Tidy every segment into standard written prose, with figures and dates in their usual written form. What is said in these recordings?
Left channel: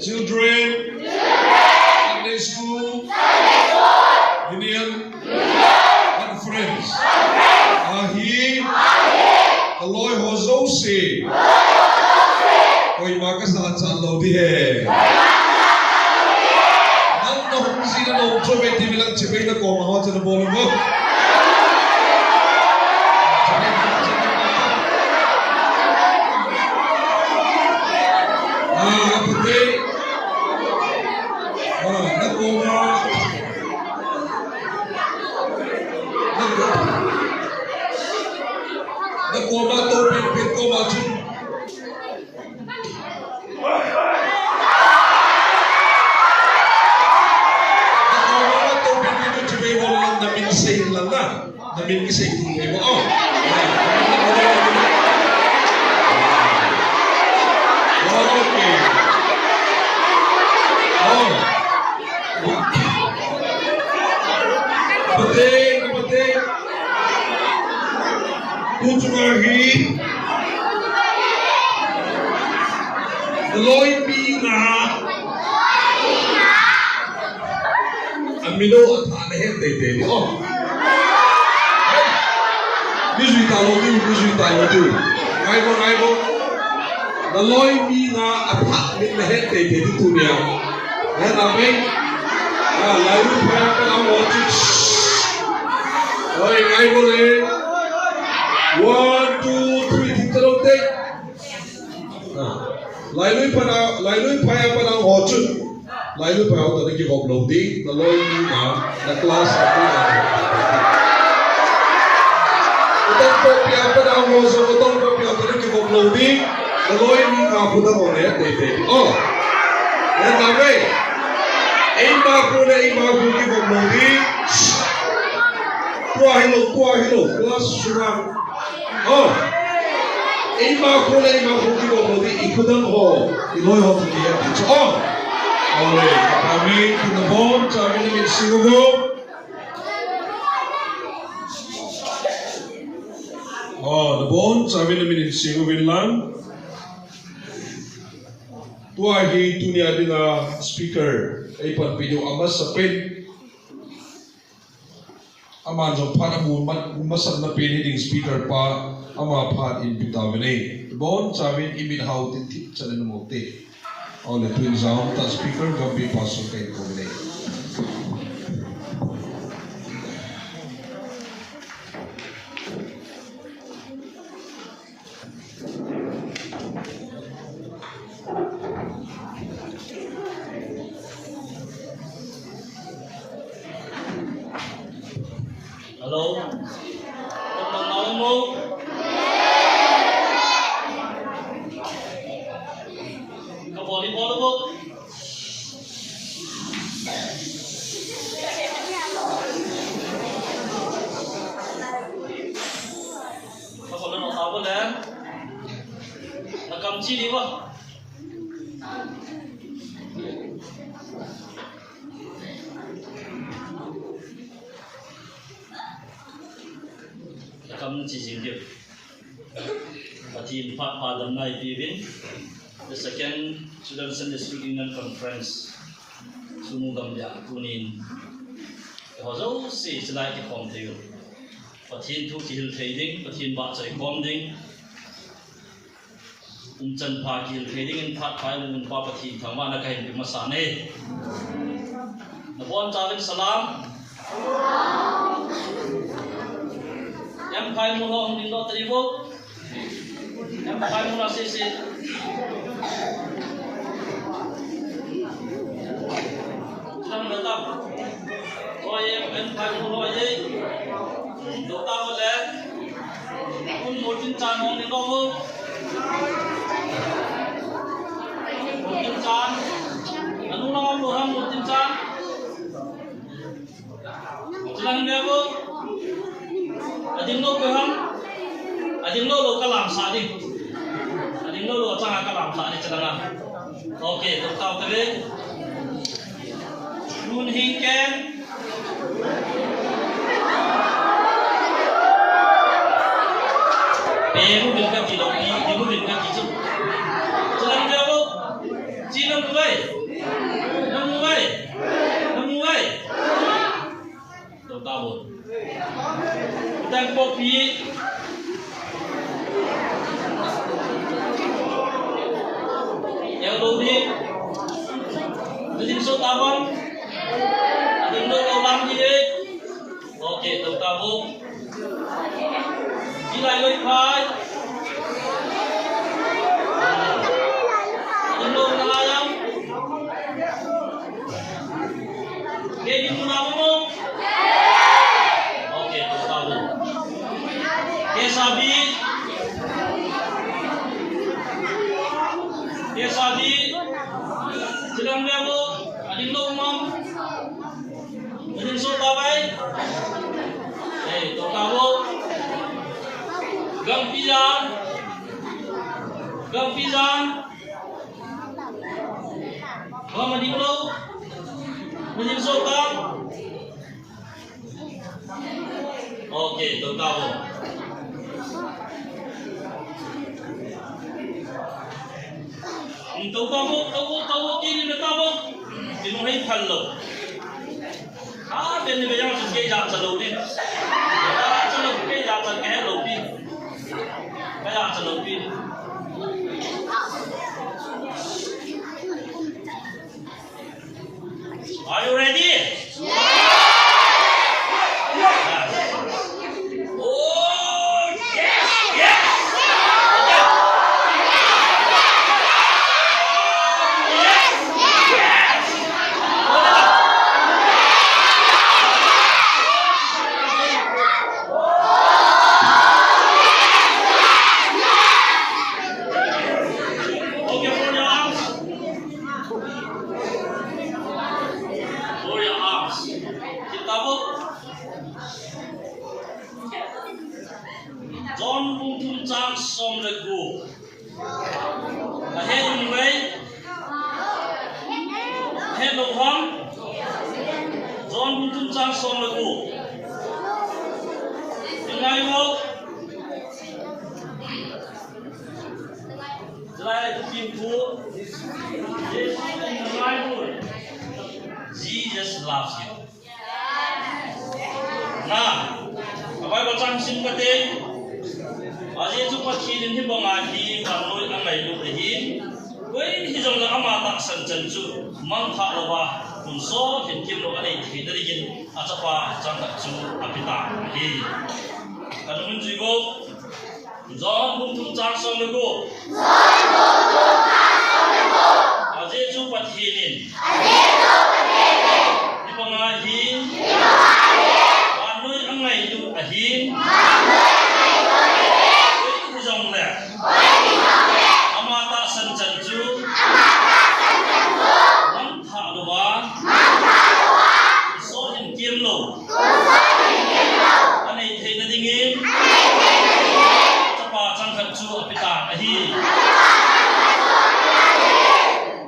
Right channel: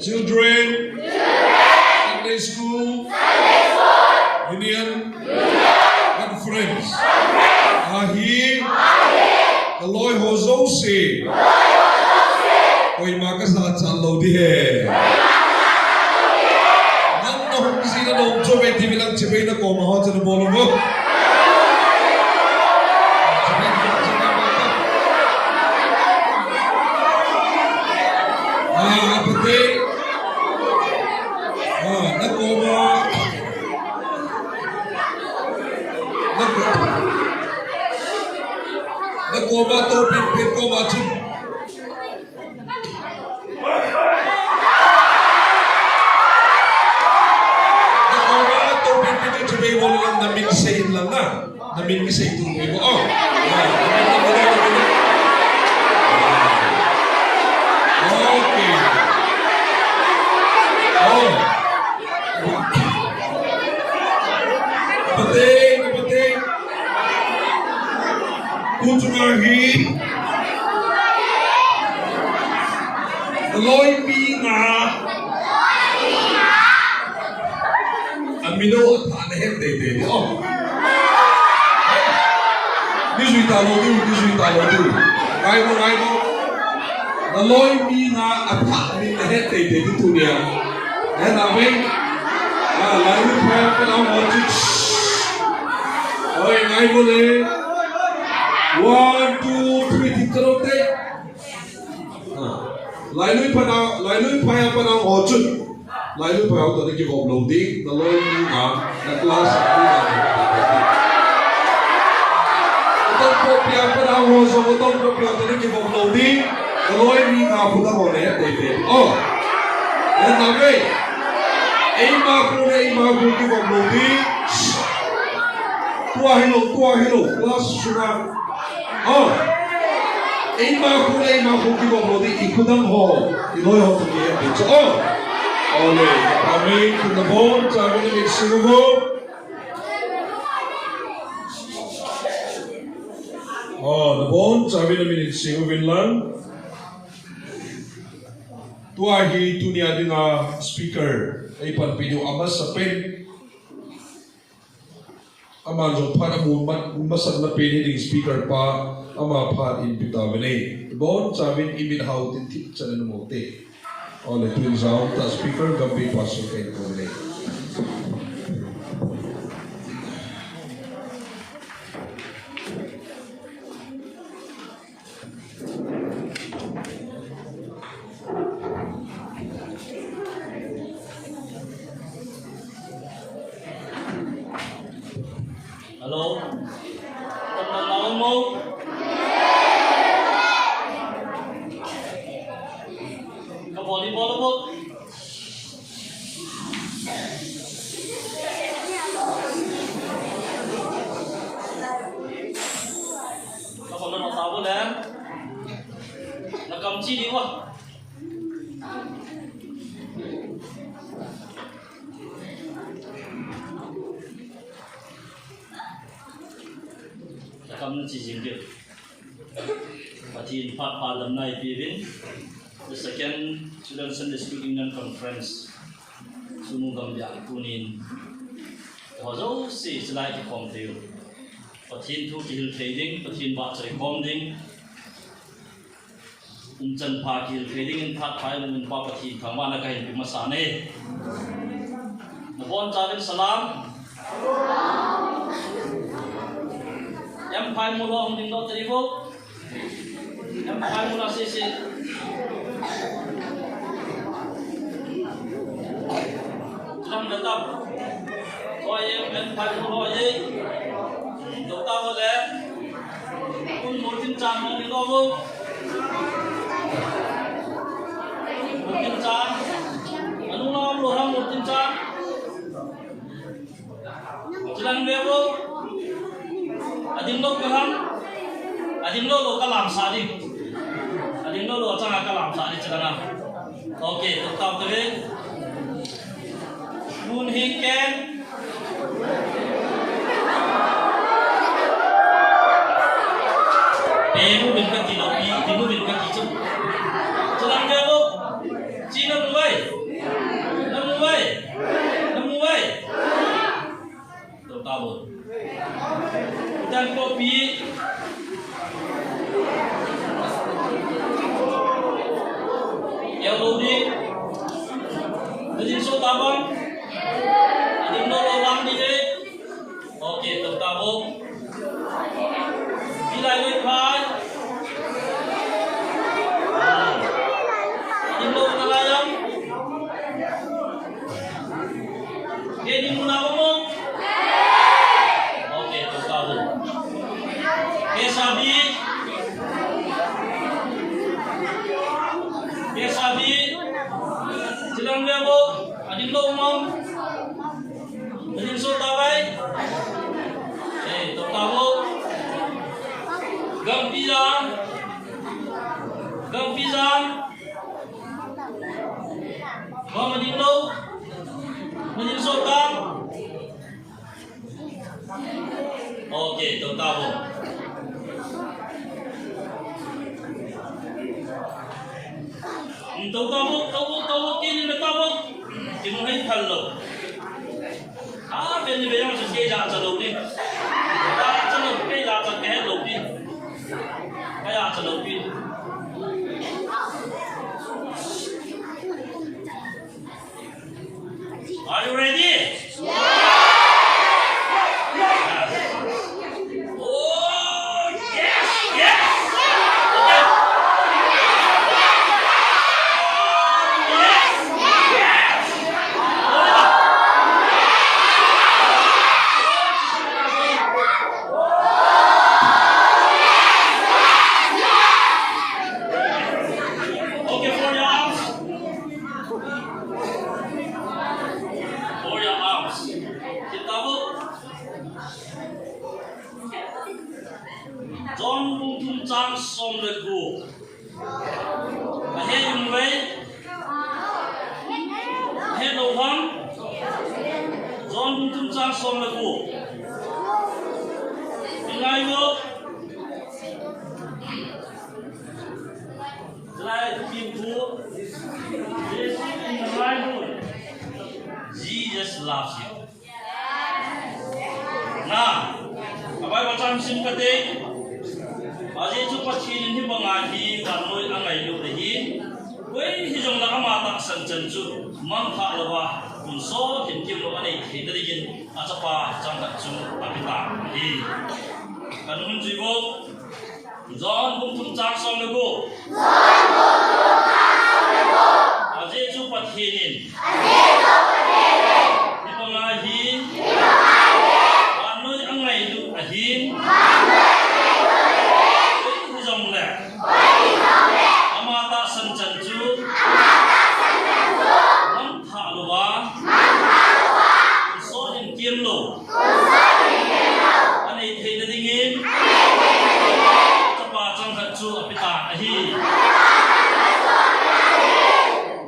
Children, Sunday school, union, and friends. Ahi, the Lord Hozose. Oi makas na chalo di hai. Nang na hum sina na umso beti bilang cibai na koma ho chana bolo mo. Nakoma to pit koma chu. Namin kasi ituloy mo. Oh. Okay. Oh. Kapatid. Kutungahin. Loy Pina. Amino at anahin dede. Oh. This we talo do. Aibo. The Lord be na attack in the head they did to me. Then I mean, I will pray for them all to. Oi, aibo le. 1, 2, 3, tikaro te. Lai lui pray for them all to. Lai lui pray for them give uploading. The Lord be na the class. Kopiah pada rosa betul kopiah tadi kita loading, kalau ini aku dah boleh deh. Oh, dan tapi, ima aku kita loading, tua hilo, kelas sudah. Oh, ima aku kita loading ikutan ho, iloi ho tu dia. Oh, oleh kami kita pun kami ni Sugnu. Oh, the bone, sabi namin in Singubin lang. Tuahi tunia din speaker ay panpino amas sa pen. Aman so para masad na pen hiding speaker pa ama pa in bitawin ay. The bone, sabi imin how tintit sa nanumote. All the twin sound ta speaker Gambih pasok kay kombinay. Hello? Teman tahu mo? Ka volleyball mo? Ka pala na tahu dah? Nakamci di ba? Kami cincin dia. Pati empat pada night event. The second Children Sunday School Union Conference. Sugnu Gambih tunin. Kalau si selai di komplain. Pati tu kihil trading, pati baca recording. Uncan kihil trading empat file dengan pati thamma nak kahit masane. Nabon cawin salam. Yang paling mula untuk dot ribu, yang paling mula sisi. Jangan datang. Kau yang paling mula je, datang boleh. Pun mungkin canggih ni kamu. Mungkin can. Anu nama orang mungkin can. Jangan dia bu. Adinno kuham, adinno lo kalam sadi, adinno lo cakap kalam sadi celana. Okay, tetap terus. Nun hingken, peru bilkan tilopi, timu bilkan kicau. Celana dia bu, Cina dua. eo đâu đi Adin so tabong Adin no lobang đi đi ok tập tabong đi lại lên phải Adin no nalayang okay di muna mo ok tập tabong okay sabi Silang lebo, adin lo umum, adin so tabay, to tabo, Gambih, mau adin lo, adin so tab, oke to tabo. Tau kini na tau kinuhay palo. Kini bayang sa kaya sa lobby. Sa lobby kaya sa kaya lobby. Kaya sa lobby. Are you ready? Yeah. John Bung Chang som le gu. Ahead way. Ahead of one. John Bung Chang som le gu. Ingai mo. Lai the people. This in the Bible. Jesus loves you. Nah, abai bacang sim kate. Aje tu pachin ni bangahi kanoi angai lu dehi wei hi jong la ama tak san chan chu mang tha lawa kun so hin kim lo anei thi dari gin achapa chang ta chu apita hi kanun ji go John bung thum chang som le go aje chu pachin ni bangahi kanoi angai lu ahin Amata san chanju Nam tha luwa So hin kim lo Anei thei na dingin Chapa chang khat chu apita ahi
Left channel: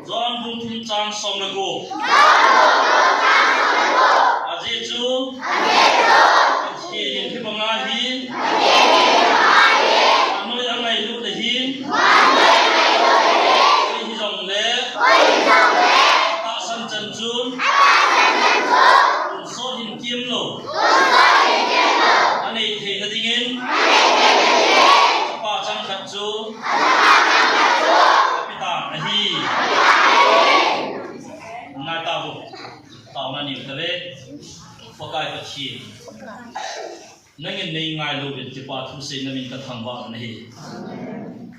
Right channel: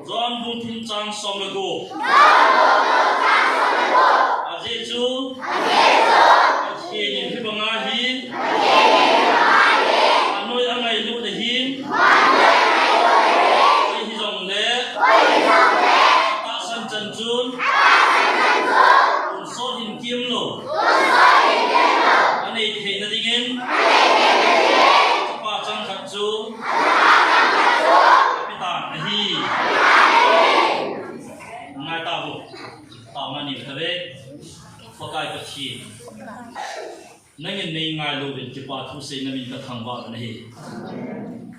John bung thum chang som le go Aje chu Aje hi banga hi Nangin nei ngai lo bin ti pa thu se namin ka thang ba nahi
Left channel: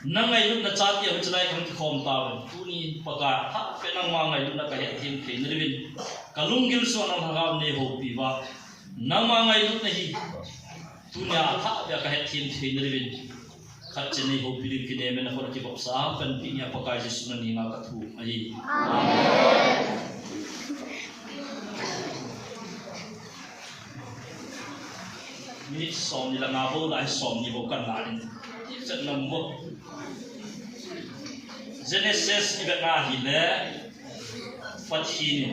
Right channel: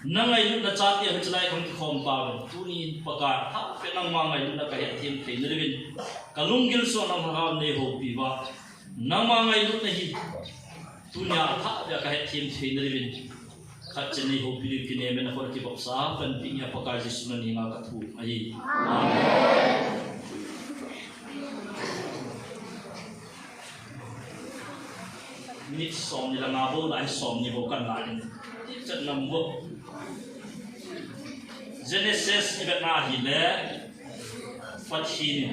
nangai lu na chat yang chlai khom ki khom ta ben tu ni paka tha pe nang ma ngai lu na ka he thim the ni bin kalung gil so na ma ne ho pi ba nang ma ngai lu nahi tu nya tha ya ka he thim the ni bin khat chen nei ho pi ki ne me na ko ki ba sa kan pi nya paka ji su na ni nga ka thu ai amen ni som ni la nga bo lai som ni bo kan la ni chat nam bo Genesis ibat na hi le fathi ni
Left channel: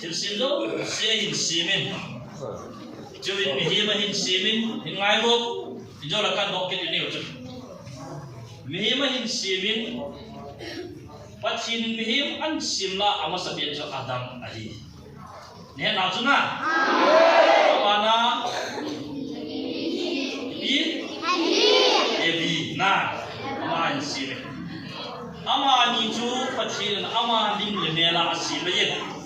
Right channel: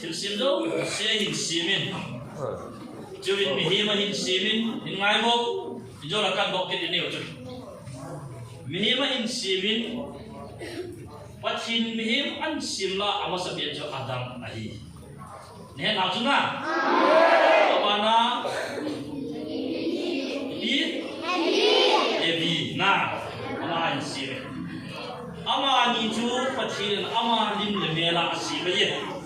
til sim do se hin simin chuvin mi hi ma hin simin hin ngai bo jo la kan bok ke ni chu mi hi ma hin simin pathin mi hi an sim la ama sabian jo adam ahi ne na chu na amana bi ebi na ama an simin ni chu pathian ama lim le ne la si ba ye